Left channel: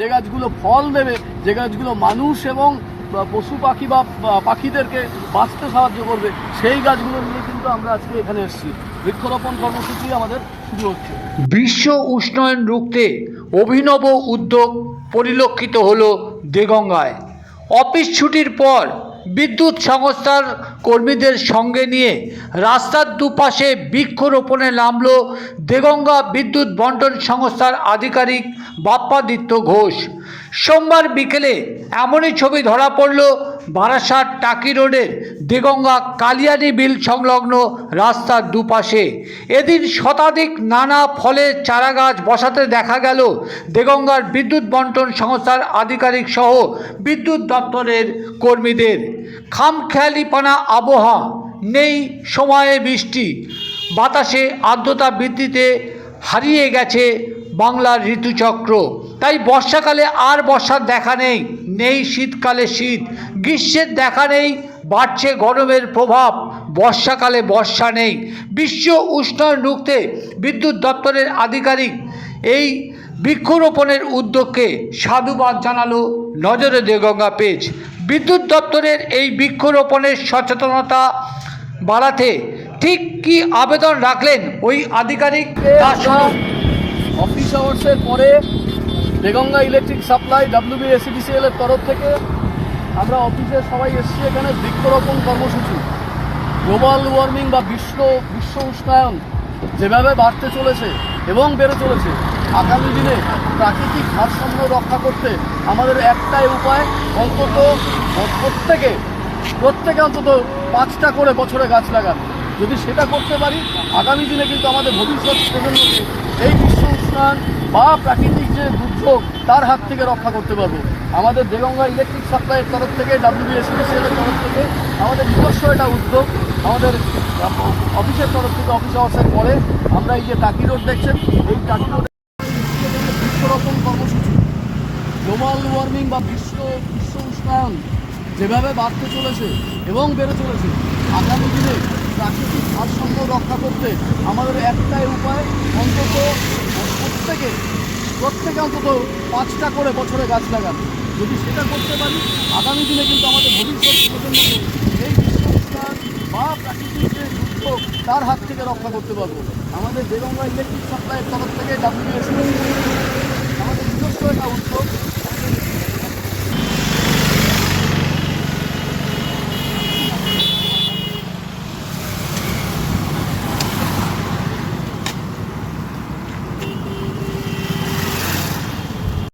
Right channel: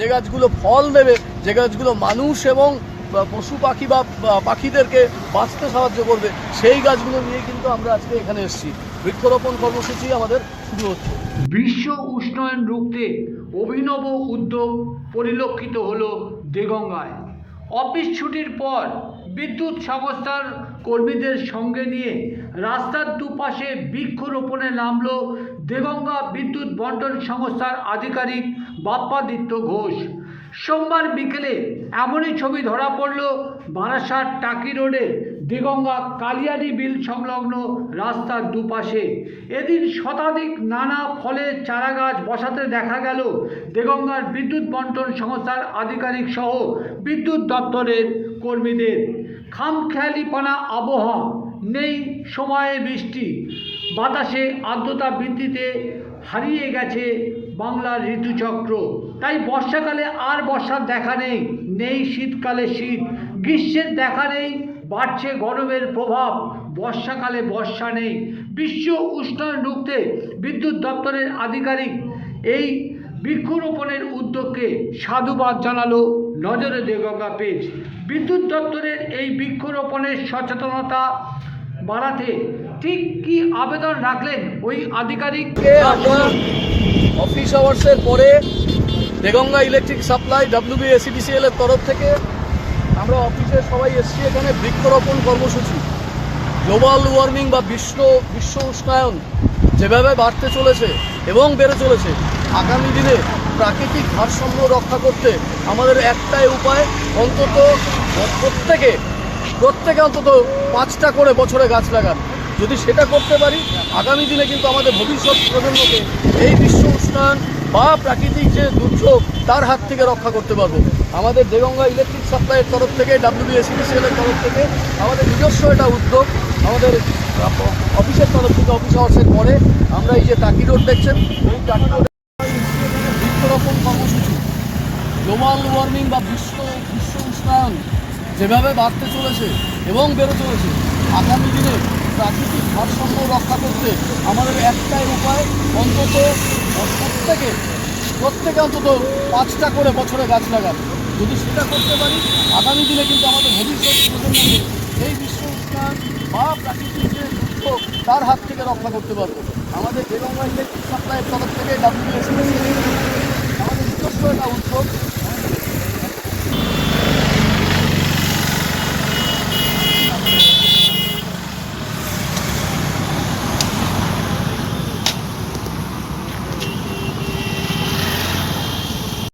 যে গাছগুলো ফল দেবে, যে গাছগুলো মানুষ এবং পশু পাখি বা পাখিদেরকে বাঁচতে সাহায্য করবে, সেই গাছগুলো নিয়ে কিন্তু আমরা আজকে এখানে এসেছি। বৃক্ষরোপণ কর্মসূচি আমাদের শুরু হচ্ছে। বিশ্ব উষ্ণায়ন রুখতে অভিনব উদ্যোগ পরিলক্ষিত হলো দেগঙ্গায়। অফিস ছুটির পর বিদ্যুৎ সংস্থার কর্মীদের সঙ্গে নিয়ে রাস্তার দুপাশে বৃক্ষরোপণে নামল দেগঙ্গা বিদ্যুৎ বন্টন সংস্থার আধিকারিক বাপ্পাদিত্য ঘোষ। সোমবার বিকেলে এমনই ছবি ধরা পড়ল বারাসাত টাকি রোডের দেগঙ্গা কালিয়ানি বিল সংলগ্ন রাস্তার দুপাশে। এদিন শতাধিক নানা ফলের চারাগাছ বসাতে দেখা গেল দেগঙ্গার বিদ্যুৎ বন্টন সংস্থার আধিকারিক সহ বিদ্যুৎ দপ্তরের কর্মীদের। খামখেয়ালিপানা আবহাওয়া, নেই সময়ে বৃষ্টি, বাতাসে আর্দ্রতা বৃদ্ধিতে হারিয়ে গেছে বাংলার ঋতুচক্র। তাই বর্ষাকালে আর বর্ষার দেখা নেই, নেই শীতকালে শীত, গ্রীষ্মের দেখা নেই, বাড়ছে গরমের প্রভাব, বর্ষাকালে বর্ষা নেই। বিশ্ব উষ্ণায়ন রুখতে বিদ্যুৎ দপ্তরের আধিকারিক এই বৃক্ষরোপণের উদ্যোগকে সাধুবাদ জানালো নজরে দেগঙ্গা পেজ। বিদ্যুৎ দপ্তরের এই বৃক্ষরোপণের সচেতনতা বাড়াতে ঠিক কী আবেদন রাখলেন ওই আধিকারিক? অফিস আওয়ার্সের পরে দেগঙ্গা ইলেকট্রিক সাপ্লাই WBSETCL এর তরফ থেকে আমরা অফিসে সবাই এসেছি এখানে বৃক্ষরোপণ কর্মসূচি। গ্লোবাল ওয়ার্মিং বা বিশ্ব উষ্ণায়ন যেভাবে বাড়তে চলেছে এবং বেড়ে চলেছে, আগামী দিনে প্রাকৃতিক ভারসাম্য রক্ষা করতে আমাদের একটাই উপায়, অন্তত প্রত্যেকে অন্তত 5টা করে বছরে গাছ লাগান। যদি সেটা করতে পারি, আগামী দিনে কিন্তু আমাদের ভবিষ্যৎ প্রজন্মকে এই বিশ্ব উষ্ণায়ন বা প্রাকৃতিক যে দুর্যোগ তার হাত থেকে রক্ষা করতে পারবো। আমাদের দেগঙ্গা ইলেকট্রিক সাপ্লাইয়ের তরফ থেকে, WBSETCL এর তরফ থেকে আমাদের নিজস্ব এটা উদ্যোগ। আমাদের অফিসের তরফ থেকে অফিস আওয়ার্সের পরে আমরা এই যে টাকি রোড দেখছেন, এই টাকি রোডে বৃক্ষরোপণ কর্মসূচি। গ্লোবাল ওয়ার্মিং বা বিশ্ব উষ্ণায়ন যেভাবে বাড়তে চলেছে এবং বেড়ে চলেছে, আগামী দিনে প্রাকৃতিক ভারসাম্য রক্ষা করতে আমাদের একটাই উপায়, অন্তত প্রত্যেকে অন্তত 5টা করে বছরে গাছ লাগান। যদি সেটা করতে পারি, আগামী দিনে কিন্তু আমাদের ভবিষ্যৎ প্রজন্মকে এই বিশ্ব উষ্ণায়ন বা প্রাকৃতিক যে দুর্যোগ তার হাত থেকে রক্ষা করতে পারবো। আমাদের দেগঙ্গা ইলেকট্রিক সাপ্লাইয়ের তরফ থেকে, WBSETCL আমাদের নিজস্ব একটা উদ্যোগ।